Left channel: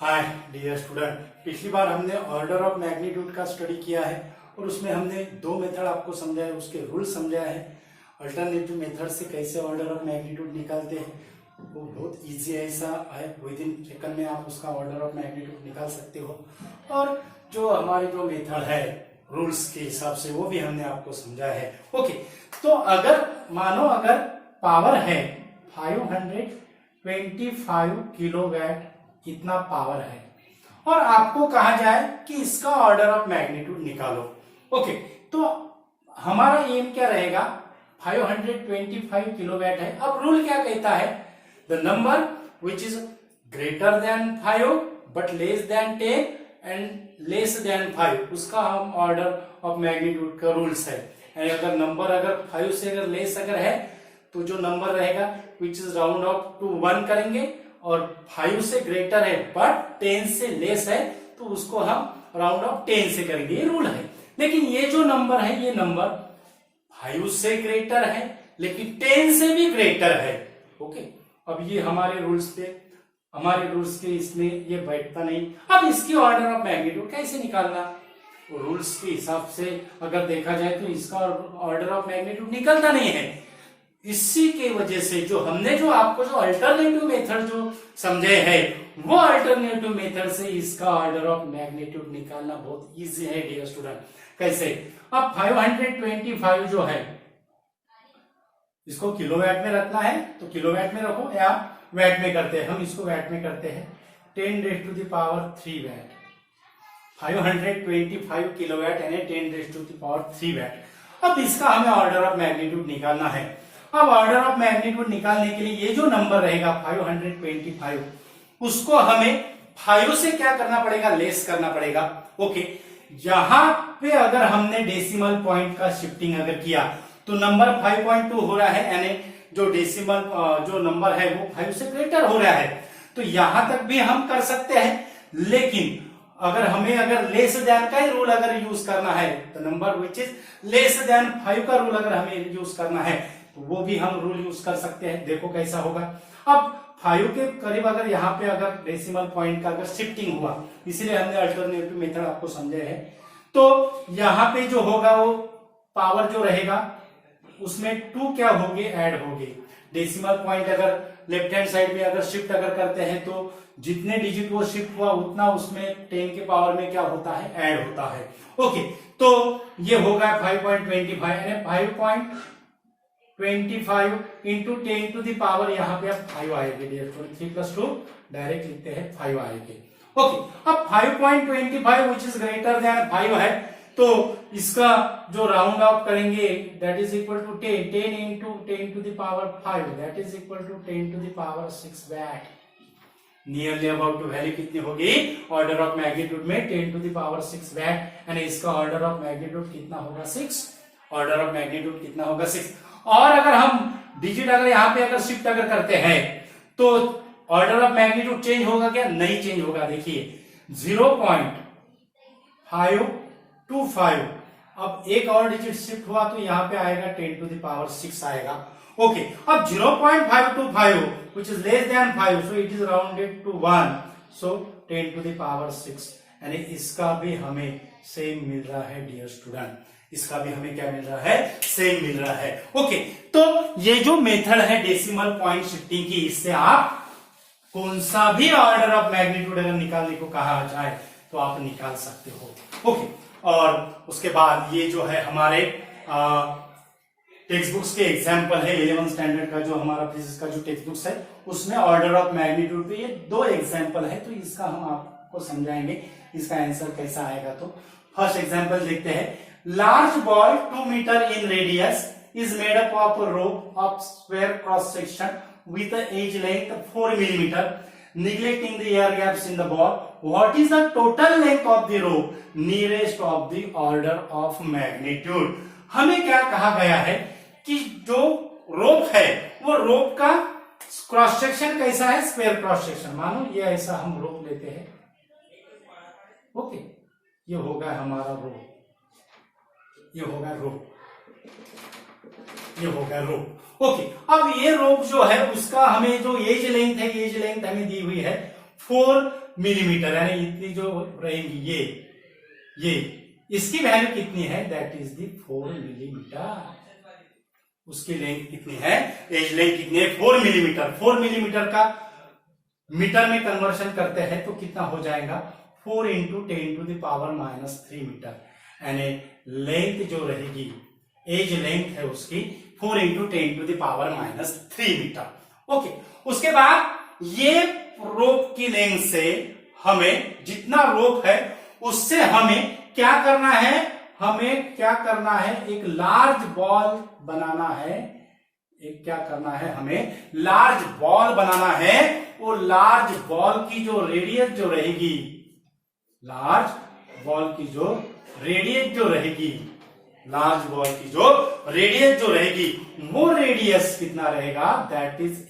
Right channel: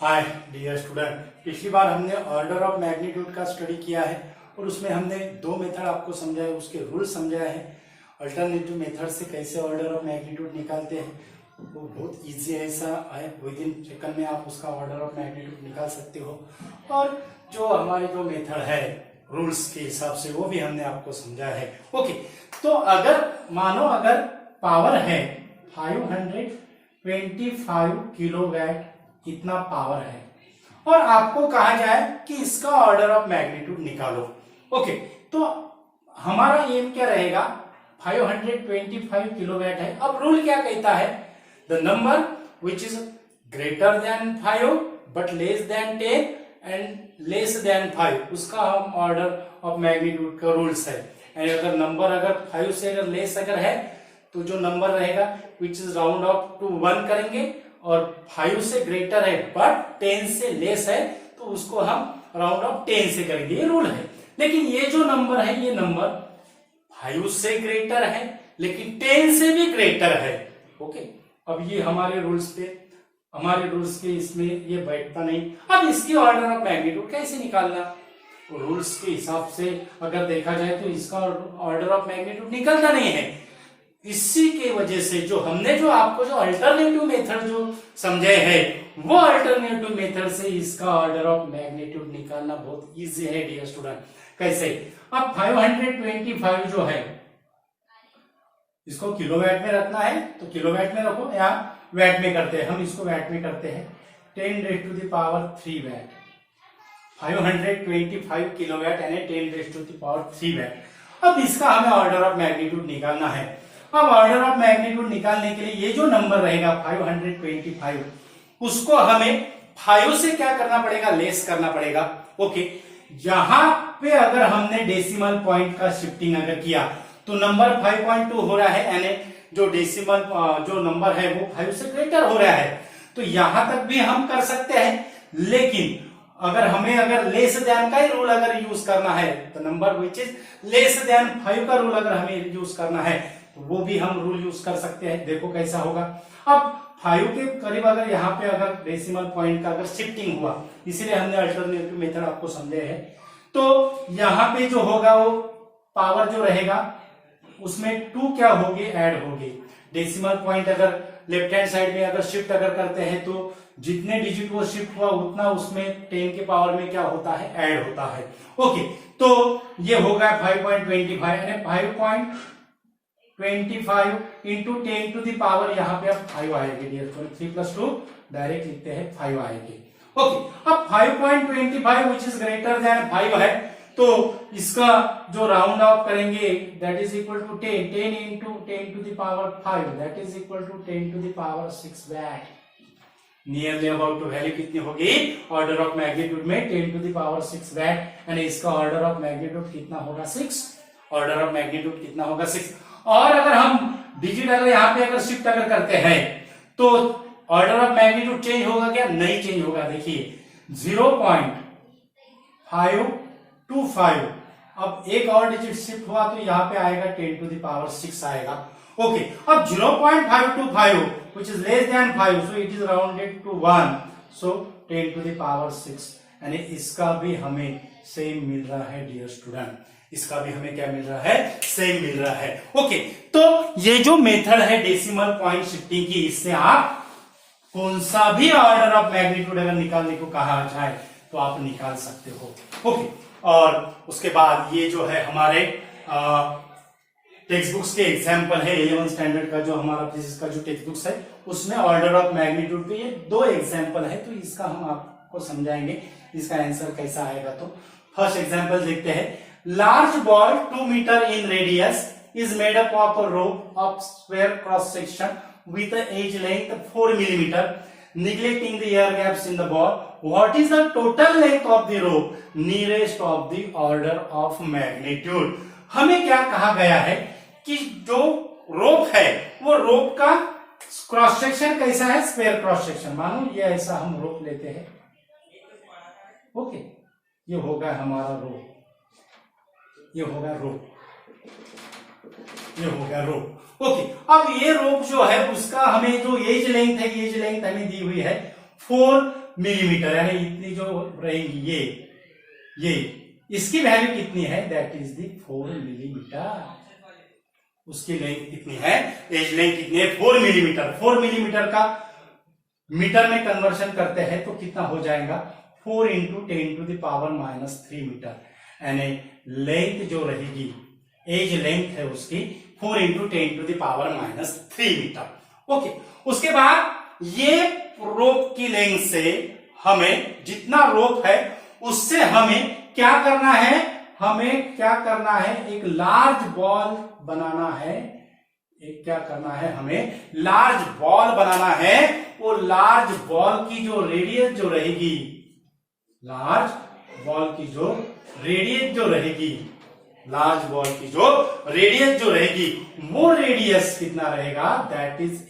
Hi dear student, पिछली बार हमने order of magnitude का स्टडी किया है और उसमें हमने दो मेथड आपको समझाए, उसके रूल समझाए हैं। अल्टरनेटिव मेथड से कैसे ऑर्डर ऑफ मैग्नीट्यूड निकालते हैं वो बहुत इजी है, ऐसा है विद इन सेकंड में आप उसका ऑर्डर ऑफ मैग्नीट्यूड निकाल सकते हो। और जो हमारी जो मेथड है रूल्स के हिसाब से वो भी हमने आपको समझाया है। ओके, तो अगर मानो अगर पावर है 525 किलोवाट इतना पावर है और आपको कहा जाए कि इसका ऑर्डर ऑफ मैग्नीट्यूड निकालो। ओके, तो हमारा एम क्या रहेगा, 525 किलोवाट है। अब रूल क्या कहता है, the number which is greater than 5 but less than 10 and less than 5, उसका हम ऑर्डर ऑफ मैग्नीट्यूड का रूल्स है। यानी अगर नंबर अगर 5 से अगर लेस अगर है तो जो नंबर रहेगा which is round off to 1 करेंगे, और 5 से ग्रेटर है बट 10 से लेस है तो उसको हम राउंड ऑफ 10 से करेंगे, ये रूल है। लेकिन ये जो नंबर है ये नंबर 5 से ग्रेटर है लेकिन 10 से भी ग्रेटर है। ओके, अब ये हमारे रूल्स के इसमें ये बैठता नहीं। अब इसकी ऑर्डर ऑफ मैग्नीट्यूड कैसे निकालना, रूल्स के हिसाब से अगर देखा जाए तो इसका ऑर्डर ऑफ मैग्नीट्यूड निकलता नहीं है। इसी के वजह से जो हमने जो आपको जो अल्टरनेटिव मेथड जो समझे है वो अल्टरनेटिव मेथड से इसका ऑर्डर ऑफ मैग्नीट्यूड निकालना बहुत इजी है डियर स्टूडेंट। कैसे, अब 525 जो है इसको किलोवाट में रखना है तो किलोवाट में रखो, या वाट में करते हैं, हम इसको वाट में करते हैं 10⁻³ वाट। 525 किलोवाट यानी 10⁻³ वाट। अब इसका हमें ऑर्डर ऑफ मैग्नीट्यूड निकालना है। अब ऑर्डर ऑफ मैग्नीट्यूड निकालने के लिए ये जो नंबर रहेगा 525, उसको हमें 5 से क्या करना पड़ेगा, लेस करना पड़ेगा। ओके, यहां पे अगर हमने डेसिमल पॉइंट का शिफ्टिंग अगर किया तो नंबर 5.2 हो रहा है, यानी जो डेसिमल जो नंबर है वो 5 से ग्रेटर हो रहा है। तो यहां तक भी हम कर सकते हैं, लेकिन अगर हमें अगर लेस देन का ही रूल अगर यूज करना है तो number which is less than 5 का रूल अगर हमें यूज करना है तो वो भी हम रूल यूज कर सकते हैं। देखो कैसा होगा, अब 5 के करीब अगर यहाँ पे अगर डेसिमल पॉइंट का अगर शिफ्टिंग हुआ, इसीलिए हमने अल्टरनेटिव मेथड आपको समझे है। तो यहाँ पे जो होगा वो पावर जो रहेगा उसमें 2 क्या होगी, ऐड होगी। डेसिमल पॉइंट अगर लेफ्ट हैंड साइड में अगर शिफ्ट अगर करते हैं तो जितने डिजिट वो शिफ्ट हुआ उतना उसमें 10 के पावर में क्या होता है, ऐड होता है। ओके, तो ये होगा 5.25 यानी 5.25 इंटू 10 टू द पावर, यहाँ पे अब 5 आएंगे डियर, 3+2 डायरेक्ट लिखते हैं 5 आएंगे। ओके, अब 5.25 विच इज ग्रेटर देन 5 है तो इसका जो राउंड ऑफ करेंगे that is equal to 10 into 10 to the power 5 that is equal to 10 to the power 6 what. Nearly about to value कितनी होगी, ऑर्डर ऑफ मैग्नीट्यूड में 10 टू द पावर 6 वाट, यानी इसका ऑर्डर ऑफ मैग्नीट्यूड कितना होगा, 6। Order of magnitude कितना होगा, 6। और अगर हम डिजिट अगर यहाँ पे अगर शिफ्ट अगर करते हैं तो ऑर्डर ऑफ मैग्नीट्यूड चेंज होगा क्या, नहीं चेंज होगा। देखिए 0.525, अब एक और डिजिट शिफ्ट हुआ तो यहाँ पे आएगा 10 टू द पावर 6 आएगा। ओके, अब 0.525 which is less than 5 so it is rounded to 1 so 10 to the power 6, यानी इसका भी हमें सेम मिल रहा है डियर स्टूडेंट, इसका भी हमें क्या मिल रहा है, सेम मिल रहा है। ओके, तो ये जो मेथड है डेसिमल पॉइंट शिफ्टिंग की, इससे आप कौन सा भी ऑर्डर ऑफ मैग्नीट्यूड अगर निकालने को कहा जाए तो आप निकाल सकते हो। ओके, और उसके बाद ये जो है हमारे टेक्स्ट बुक्स के एग्जाम्पल है, 11th स्टैंडर्ड का जो हमारा फिजिक्स का जो टेक्स्ट बुक्स है उसमें ऑर्डर ऑफ मैग्नीट्यूड पे ये 2 एग्जाम्पल है, तो इसका हम आपको समझाएंगे इसका आंसर कैसा आएगा। तो फर्स्ट एग्जाम्पल देखते हैं, large ball 2 metre in radius is made up of a rope of square cross section with the edge length 4 millimeter, neglecting the air gaps in the ball. What is the total length of the rope nearest of the order of magnitude? हमें क्या कहा गया है कि जो रोप है वो रोप का क्रॉस सेक्शन कैसा है, स्क्वायर क्रॉस सेक्शन। मानो ये ऐसा हम रोप लेते हैं। ओके, ये होगा हमारा रोप, ये होगा रोप, ये होगा रोप। ओके, अब ये रोप जो है उसका हमें जो एज लेंथ है, एज लेंथ हमें दी हुई है 4 मिलीमीटर, यानी इतनी जो रहेगी ये इसकी वैल्यू कितनी है, दैट इज द 4 मिलीमीटर। उसकी लेंथ कितनी है, एज लेंथ कितनी है, 4 मिलीमीटर। 4 मिलीमीटर का मीटर में कन्वर्शन करते हैं तो कितना हो जाएगा, 4 इंटू 10⁻³ मीटर, यानी लेंथ जो रहेगी, एज लेंथ है उसकी 4 इंटू 10⁻³ मीटर। ओके, उसके बाद ये रोप की लेंथ से हमें, जितना रोप है उससे हमें क्या करना है, एक लार्ज बॉल बनाना है। एक क्या करना है, हमें लार्ज बॉल बनाना है। वो लार्ज बॉल की जो रेडियस जो रहेगी, लार्ज बॉल की जो रेडियस जो रहेगी, वो रेडियस कितना रहेगा, that is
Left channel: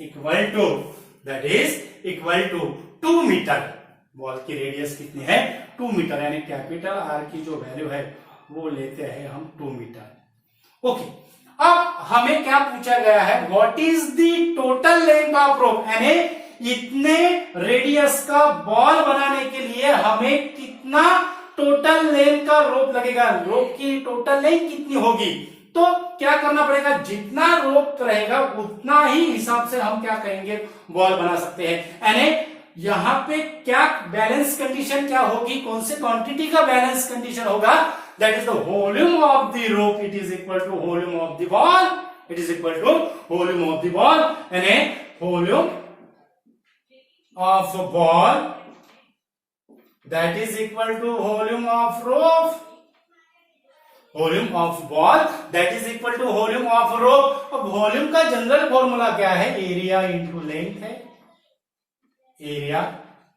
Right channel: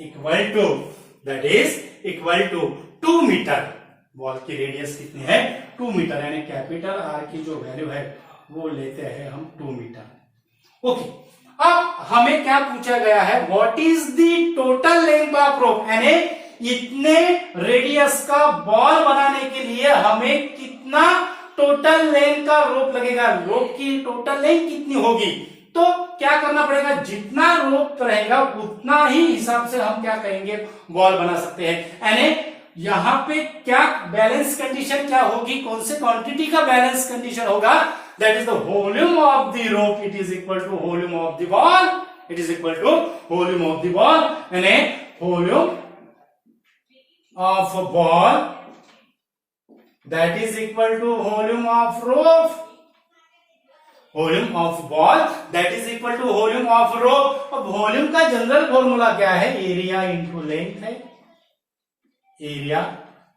equal to 2 metre. Ball की रेडियस कितनी है, 2 मीटर, यानी कैपिटल आर की जो वैल्यू है वो लेते हैं हम 2 मीटर। ओके, अब हमें क्या पूछा गया है, what is the total length of रोप, यानी इतने रेडियस का बॉल बनाने के लिए हमें कितना टोटल लेंथ का रोप लगेगा, रोप की टोटल लेंथ कितनी होगी। तो क्या करना पड़ेगा, जितना रोप रहेगा उतना ही हिसाब से हम क्या कहेंगे, बॉल बना सकते हैं। यानी यहां पे क्या बैलेंस कंडीशन क्या होगी, कौन से क्वांटिटी का बैलेंस कंडीशन होगा, that is the volume of the rope, it is equal to volume of the ball, यानी volume of ball that is equal to volume of rope, volume of ball that is equal to volume of rope. अब volume का general formula क्या है, area into length है, area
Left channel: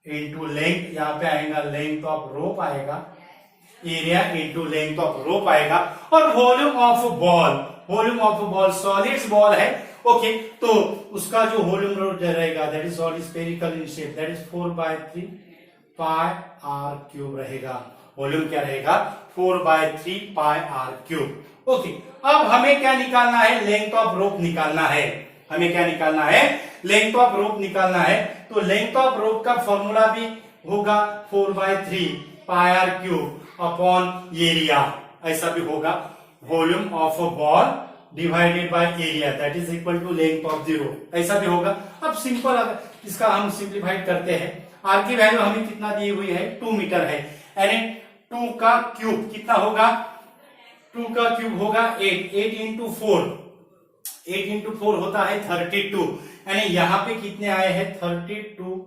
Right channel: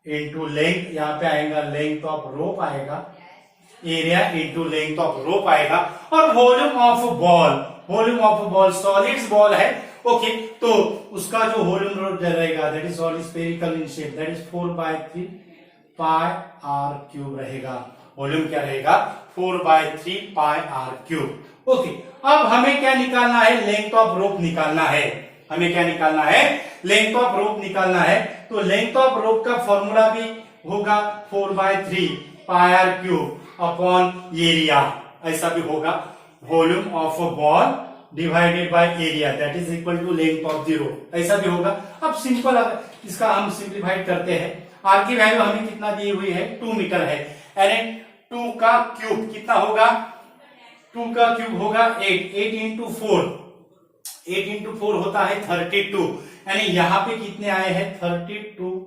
into length, यहां पे आएगा length of rope आएगा, area into length of rope आएगा। और volume of ball solids ball है, ओके, तो उसका जो वॉल्यूम रहेगा that is solid spherical in shape, that is 4/3 pi r cube रहेगा। वॉल्यूम क्या रहेगा, 4/3 पाई आर क्यूब। ओके, अब हमें क्या निकालना है, लेंथ ऑफ रोप निकालना है। हमें क्या निकालना है, लेंथ ऑफ रोप निकालना है। तो लेंथ ऑफ रोप का फॉर्मूला भी होगा 4/3 pi r cube upon area, ऐसा भी होगा, volume of a ball divided by area that is equal to length of the rope, ऐसा भी होगा। अब सिंपल, इसका हम सिंप्लीफाइड करते हैं। आर की वैल्यू हमें कितना दी हुई है, 2 मीटर है, यानी 2 का क्यूब कितना होगा, 2 का क्यूब होगा 8 इंटू 4 होता है 32, यानी यहाँ पे कितने आए हैं, 32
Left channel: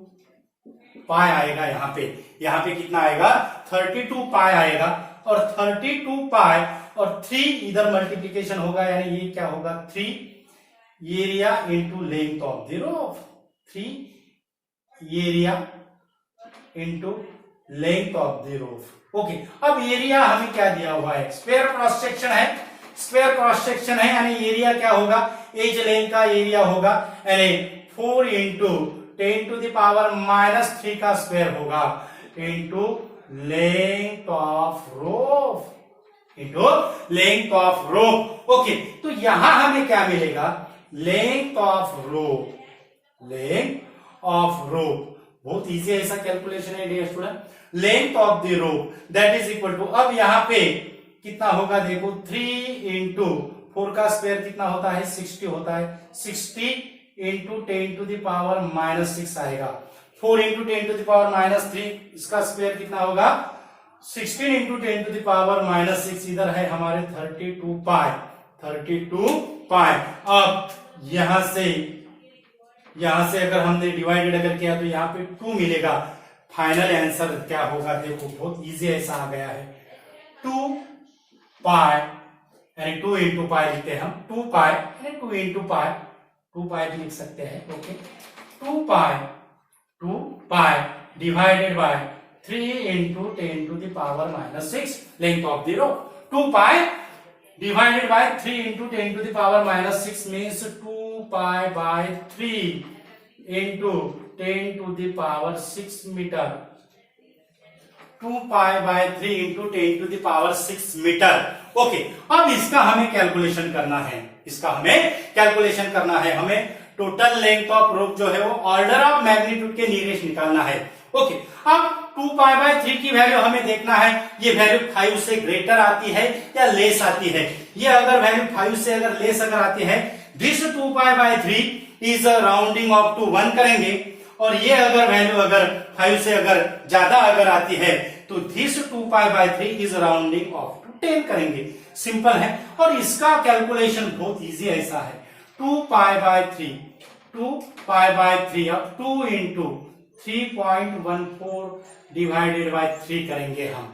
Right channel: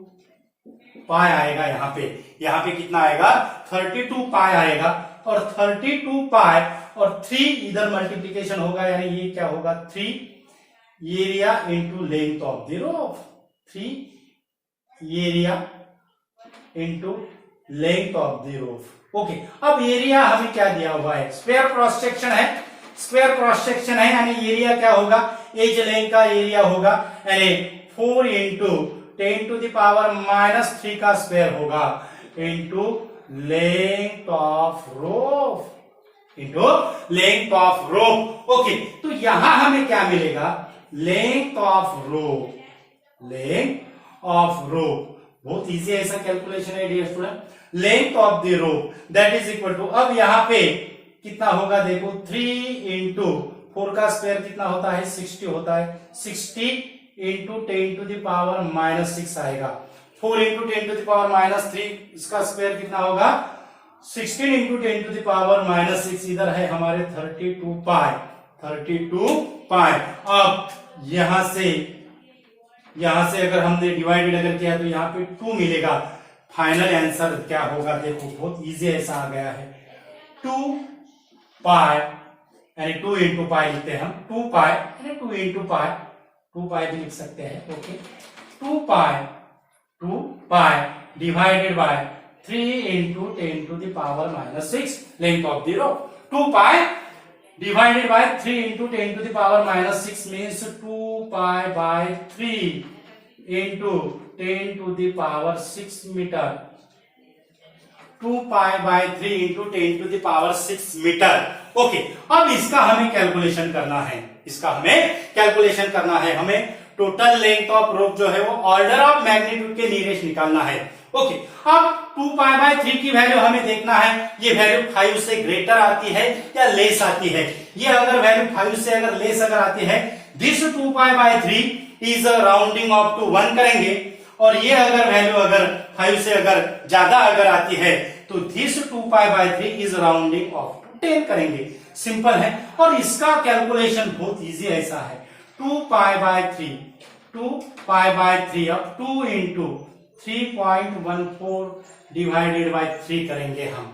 पाई आएगा। यहाँ पे कितना आएगा, 32 पाई आएगा। और 32 पाई और 3 इधर मल्टीप्लीकेशन होगा, यानी ये क्या होगा, 3 area into length of the rope, 3 area into length of the rope. Okay, अब एरिया हमें क्या दिया हुआ है, स्क्वायर क्रॉस सेक्शन है, यानी एरिया क्या होगा, एज लेंथ का एरिया होगा, यानी 4 इंटू 10⁻³ का स्क्वायर होगा into length of rope, okay, तो यहां हमें क्या मिलेगा, लेंथ ऑफ रोप, बहुत इजी है, ऐसा कैलकुलेशन है dear student. Length of the rope that is equal to, अब यहां पे कितना होगा, देखो 3 इंटू 4 का स्क्वायर कितना होता है, 60 होता है, 60 इंटू 10⁻⁻6 आएगा। 4 इंटू 10⁻³ इसका स्क्वायर कितना होगा, 16 इंटू 10⁻6, इधर है हमारे 32 पाई। अब यहां से अगर हमने डिवाइडेड अगर किया तो यहाँ पे 2 मिलेगा। फाइनल आंसर क्या होगा, देखो बहुत इजी ऐसा आ गया है, 2 पाई, यानी 2 इंटू पाई लिखते हैं हम, 2 पाई यानी 2 इंटू पाई, 2 पाई भी लिख सकते हैं, okay, 2 pi divided by 3 into 10⁻⁻6 length of the rope. 2 pi divided by 3 into 10⁻⁻6 means 2 pi by 3 into 10⁻6 meter, 2 pi by 3 into 10⁻6 metre. Okay, अब इसका हमें कैलकुलेशन करना है, हमें टोटल लेंथ ऑफ रोप जो है वो ऑर्डर ऑफ मैग्नीट्यूड के नियरेस्ट निकालना है। ओके, अब 2π/3 की वैल्यू हमें देखना है, ये वैल्यू 5 से ग्रेटर आती है या लेस आती है। ये अगर वैल्यू 5 से अगर लेस अगर आती है, this 2π/3 is rounding off to 1 करेंगे, और ये अगर वैल्यू अगर 5 से अगर ज्यादा अगर आती है तो this 2π/3 is rounding off to 10 करेंगे। सिंपल है, और इसका कैलकुलेशन बहुत इजी ऐसा है, 2π/3 अब 2 इंटू 3.14 डिवाइडेड बाय 3 करेंगे हम,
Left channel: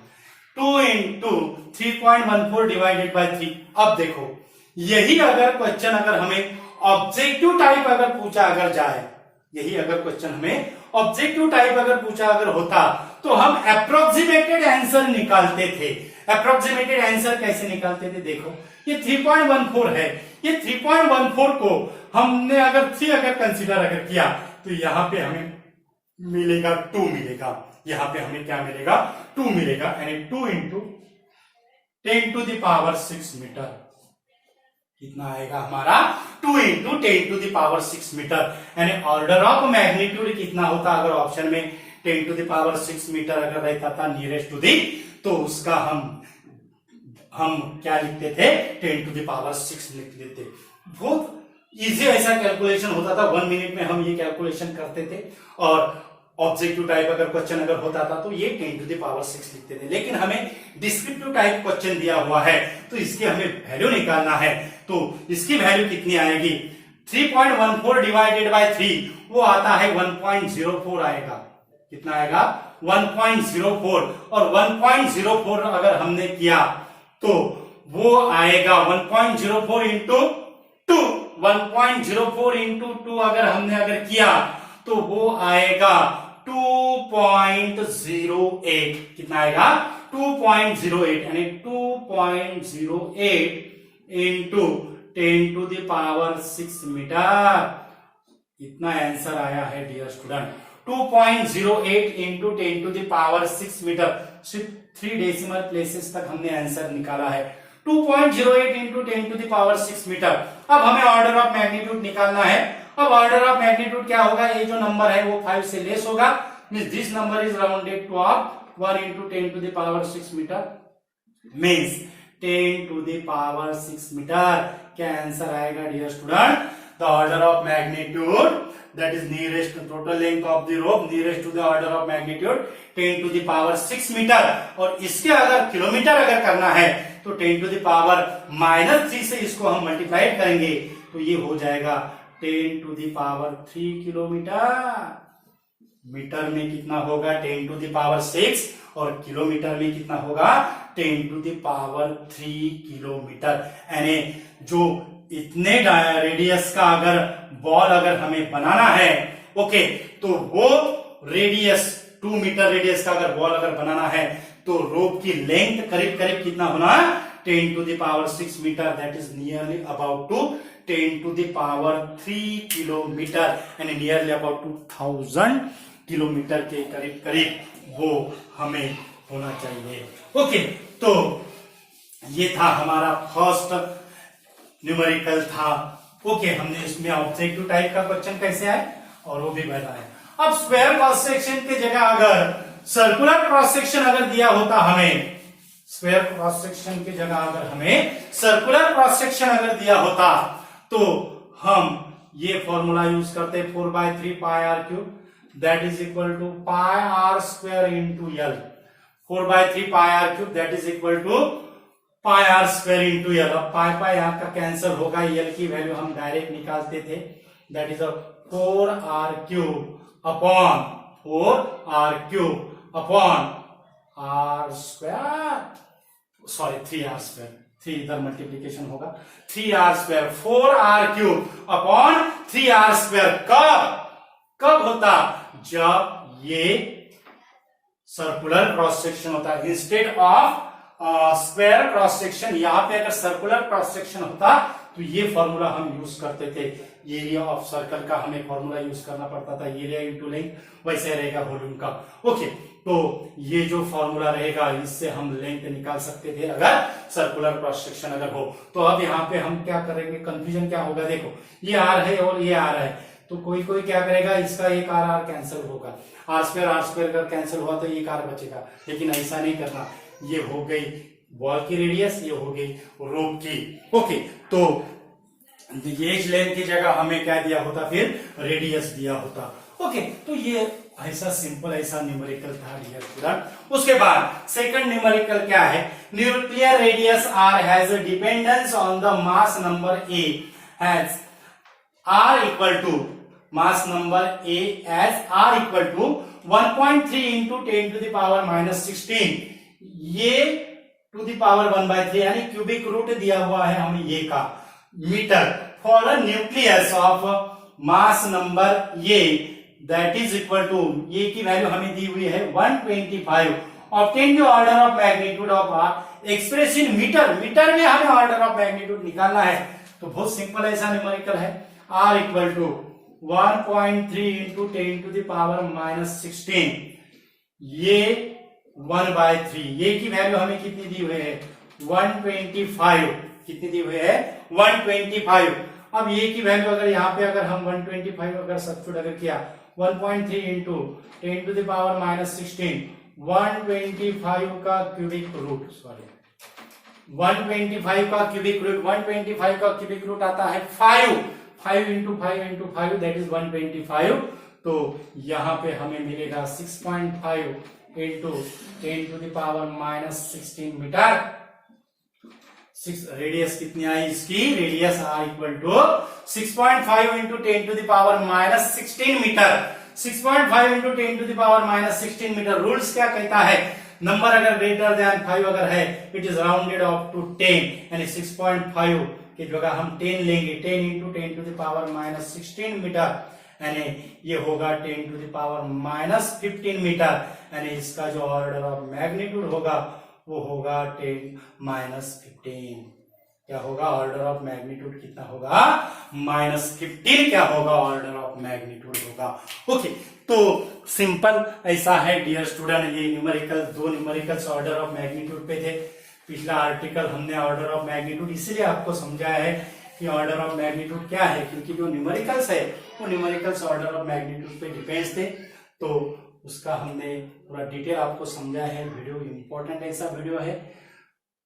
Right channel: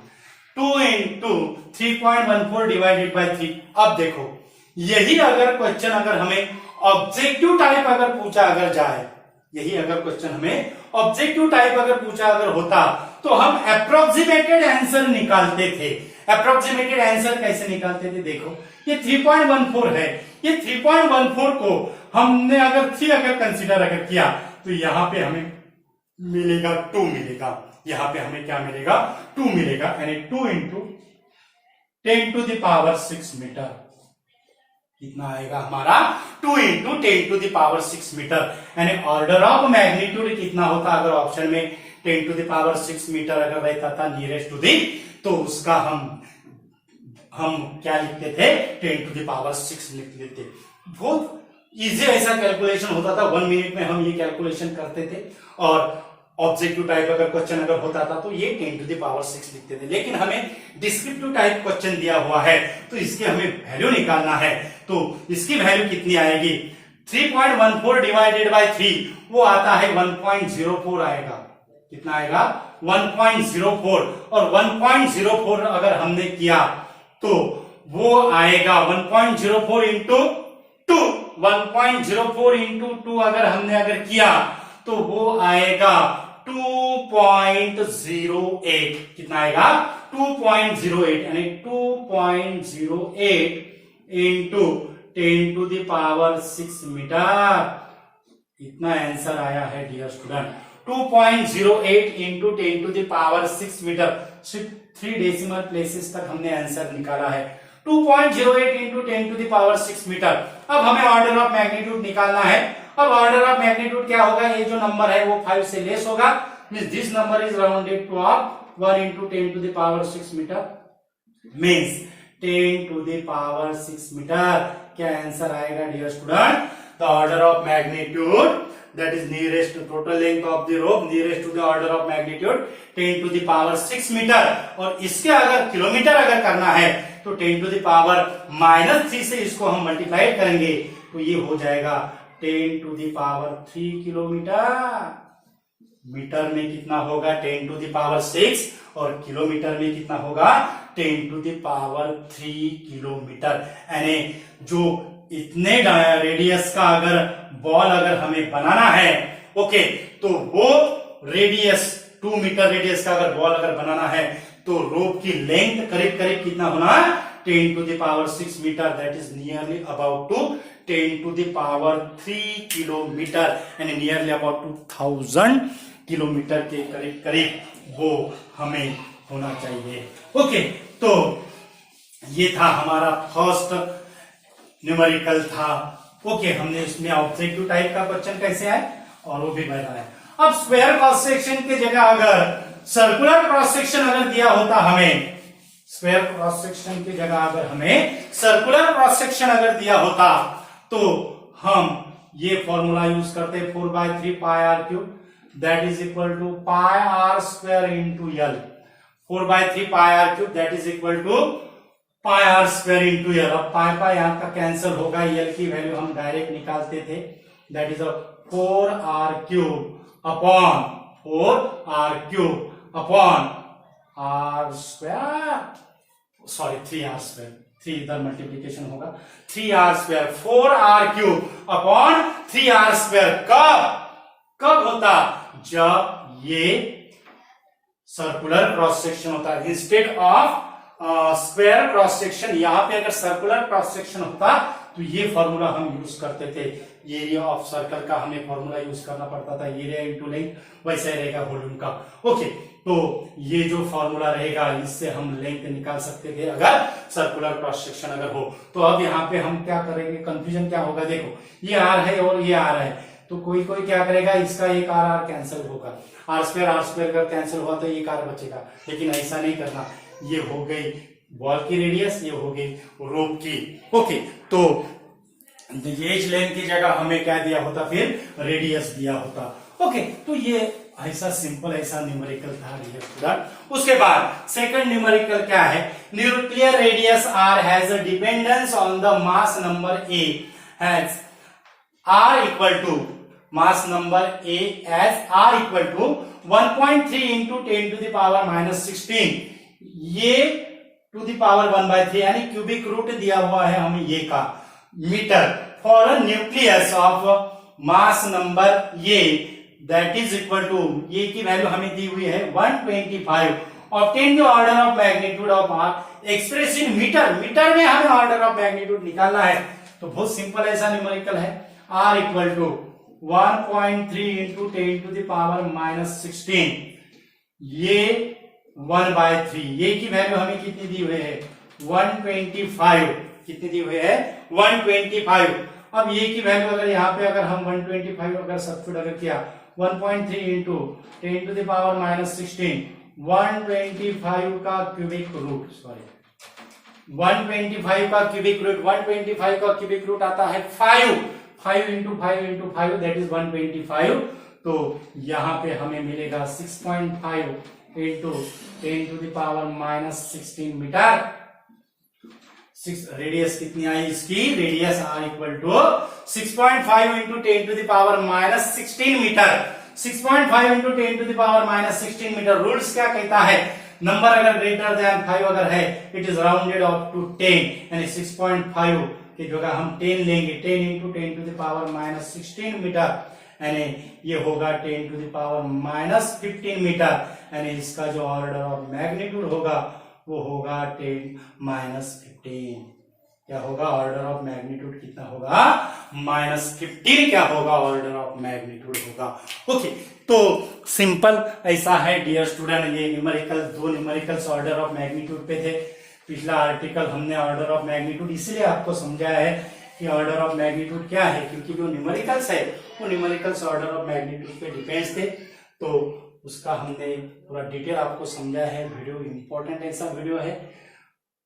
2 इंटू 3.14 डिवाइडेड बाय 3। अब देखो, यही अगर क्वेश्चन अगर हमें ऑब्जेक्टिव टाइप अगर पूछा अगर जाए, यही अगर क्वेश्चन हमें ऑब्जेक्टिव टाइप अगर पूछा अगर होता तो हम अप्रोक्सीमेटेड आंसर निकालते थे। अप्रोक्सीमेटेड आंसर कैसे निकालते थे, देखो ये 3.14 है, ये 3.14 को हमने अगर 3 अगर कंसीडर अगर किया तो यहां पे हमें मिलेगा 2 मिलेगा, यहां पे हमें क्या मिलेगा 2 मिलेगा, यानी 2 इंटू 10⁶ मीटर। कितना आएगा हमारा 2 इंटू 10⁶ मीटर, यानी ऑर्डर ऑफ मैग्नीट्यूड कितना होता अगर ऑप्शन में 10⁶ मीटर अगर रहता था नियरेस्ट टू दी, तो उसका हम क्या लिखते थे 10⁶ लिख लेते। बहुत इजी ऐसा कैलकुलेशन होता था, 1 मिनट में हम ये कैलकुलेशन करते थे, और ऑब्जेक्टिव टाइप अगर क्वेश्चन अगर होता था तो ये 10⁶ लिखते थे। लेकिन हमें डिस्क्रिप्टिव टाइप क्वेश्चन दिया हुआ है तो इसकी हमें वैल्यू निकालना है, तो इसकी वैल्यू कितनी आएगी, 3.14 डिवाइडेड बाय 3 वो आता है 1.04 आएगा। कितना आएगा 1.04, और 1.04 अगर हमने किया तो वो आएगा 1.04 इंटू 2, 1.04 इंटू 2 अगर हमने अगर किया तो वो आएगा 2.08। कितना आएगा 2.08, यानी 2.08 इंटू 10⁶ मीटर। इतना आंसर आया है डियर स्टूडेंट, 2.08 इंटू 10⁶ मीटर। सिर्फ 3 डेसिमल प्लेसेस तक हमने आंसर निकाला है, 2.08 इंटू 10⁶ मीटर। अब हमें ऑर्डर ऑफ मैग्नीट्यूड निकालना है। अब ऑर्डर ऑफ मैग्नीट्यूड क्या होगा, ये जो नंबर है वो 5 से लेस होगा, means this number is rounded to off 1 इंटू 10⁶ मीटर, मींस 10⁶ मीटर। क्या आंसर आएगा dear student, the order of magnitude that is nearest to total length of the rope nearest to the order of magnitude 10⁶ metre. और इसके अगर kilometre अगर करना है तो 10⁻³ से इसको हम मल्टीप्लाई करेंगे तो ये हो जाएगा 10⁻³ किलोमीटर। मीटर में कितना होगा 10⁶, और किलोमीटर में कितना होगा 10⁻³ किलोमीटर। यानी जो इतने रेडियस का अगर बॉल अगर हमें बनाना है, ओके, तो वो रेडियस 2 मीटर रेडियस का अगर बॉल अगर बनाना है तो रोप की लेंथ करीब करीब कितना होना है 10⁶ metre, that is nearly about two 10⁻³ kilometre, यानी नियरली अबाउट 2000 किलोमीटर के करीब करीब वो हमें होना चाहिए। ओके, तो ये था हमारा फर्स्ट न्यूमेरिकल था। ओके, हमने इसमें ऑब्जेक्टिव टाइप का क्वेश्चन कैसे आए और वो भी बताया। अब स्क्वायर क्रॉस सेक्शन की जगह अगर सर्कुलर क्रॉस सेक्शन अगर दिया होता हमें, स्क्वायर क्रॉस सेक्शन की जगह अगर हमें सर्कुलर क्रॉस सेक्शन अगर दिया होता तो हम ये फॉर्मूला यूज करते 4/3 πr³ that is equal to πr² into l। 4/3 πr³ that is equal to πr² into l। अब पाई यहां का कैंसिल होगा, l की वैल्यू हम डायरेक्ट निकालते थे, that is 4r³ upon 4r³ upon r², 3r², 3 इधर मल्टीप्लीकेशन होगा, 3r², 4r³ अपॉन 3r²। कब होता, जब ये सर्कुलर क्रॉस सेक्शन होता है। Instead of square cross section, यहां पे अगर सर्कुलर क्रॉस सेक्शन होता तो ये फॉर्मूला हम यूज करते थे, एरिया ऑफ सर्कल का हमें फॉर्मूला यूज करना पड़ता था, एरिया इंटू लेंथ, वैसे रहेगा वॉल्यूम का। ओके, तो ये जो फॉर्मूला रहेगा इससे हम लेंथ निकाल सकते थे अगर सर्कुलर क्रॉस सेक्शन अगर हो। तो अब यहाँ पे हम क्या करेंगे, कंफ्यूजन क्या होगा, देखो ये आर है और ये आर है, तो कोई कोई क्या करेगा, इसका एक आर आर कैंसिल होगा, आर स्क्वायर अगर कैंसिल हुआ तो एक आर बचेगा, लेकिन ऐसा नहीं करना। ये हो गई बॉल की रेडियस, ये हो गई रोप की। ओके, तो एज लेंथ की जगह हमें क्या दिया होता, फिर रेडियस दिया होता। ओके, तो ये ऐसा सिंपल ऐसा न्यूमेरिकल था डियर स्टूडेंट। उसके बाद सेकंड न्यूमेरिकल क्या है, nuclear radius R has a dependence on the mass number A has R equal to mass number A as R equal to 1.3 into 10 to the power minus 16, ये to the power 1/3 यानी cubic root दिया हुआ है हमें ये का metre for a nucleus of mass number A that is equal to, ये की वैल्यू हमें दी हुई है 125, obtain the order of magnitude of R express in metre, metre में हमें ऑर्डर ऑफ मैग्नीट्यूड निकालना है। तो बहुत सिंपल ऐसा न्यूमेरिकल है, R equal to 1.3 into 10 to the power minus 16, ये 1/3, ये की वैल्यू हमें कितनी दी हुई है 125, कितनी दी हुई है 125। अब ये की वैल्यू अगर यहाँ पे अगर हम 125 अगर सब्स्टिट्यूट अगर किया 1.3 into 10 to the power minus 16, 125 का क्यूबिक रूट, सॉरी 125 का क्यूबिक रूट, 125 का क्यूबिक रूट आता है 5 इंटू 5 दैट इज 125। तो यहाँ पे हमें मिलेगा 6.5 into 10 to the power minus 16 metre. Radius कितनी आई इसकी, radius R equal to 6.5 into 10 to the power minus 16 metre. 6.5 into 10 to the power minus 16 metre. Rules क्या कहता है, नंबर अगर ग्रेटर देन 5 अगर है it is rounded off to 10, यानी 6.5 की जगह हम 10 लेंगे, 10 into 10 to the power minus 16 metre, यानी ये होगा 10 to the power minus 15 metre, यानी इसका जो ऑर्डर ऑफ मैग्नीट्यूड होगा वो होगा 10 माइनस 15। क्या होगा ऑर्डर ऑफ मैग्नीट्यूड, कितना होगा -15, क्या होगा ऑर्डर ऑफ मैग्नीट्यूड होगा। ओके, तो सिंपल ऐसा है डियर स्टूडेंट, ये न्यूमेरिकल, दो न्यूमेरिकल्स ऑर्डर ऑफ मैग्नीट्यूड पे थे। पिछला आर्टिकल हमने ऑर्डर ऑफ मैग्नीट्यूड इसलिए आपको समझाया है कि ऑर्डर ऑफ मैग्नीट्यूड क्या है, क्योंकि जो न्यूमेरिकल्स है वो न्यूमेरिकल्स ऑर्डर ऑफ मैग्नीट्यूड पे डिपेंड्स थे, तो उसका हमने पूरा डिटेल आपको समझा है। वीडियो इंपॉर्टेंट ऐसा वीडियो है,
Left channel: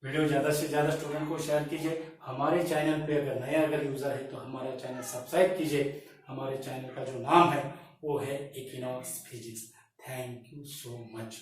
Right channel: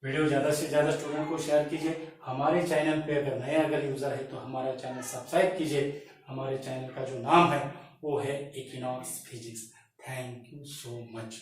वीडियो ज्यादा से ज्यादा स्टूडेंट को शेयर कीजिए। हमारे चैनल पे अगर नया अगर यूजर है तो हमारा चैनल सब्सक्राइब कीजिए। हमारे चैनल का जो नाम है वो है equinox physics. Thank you so much.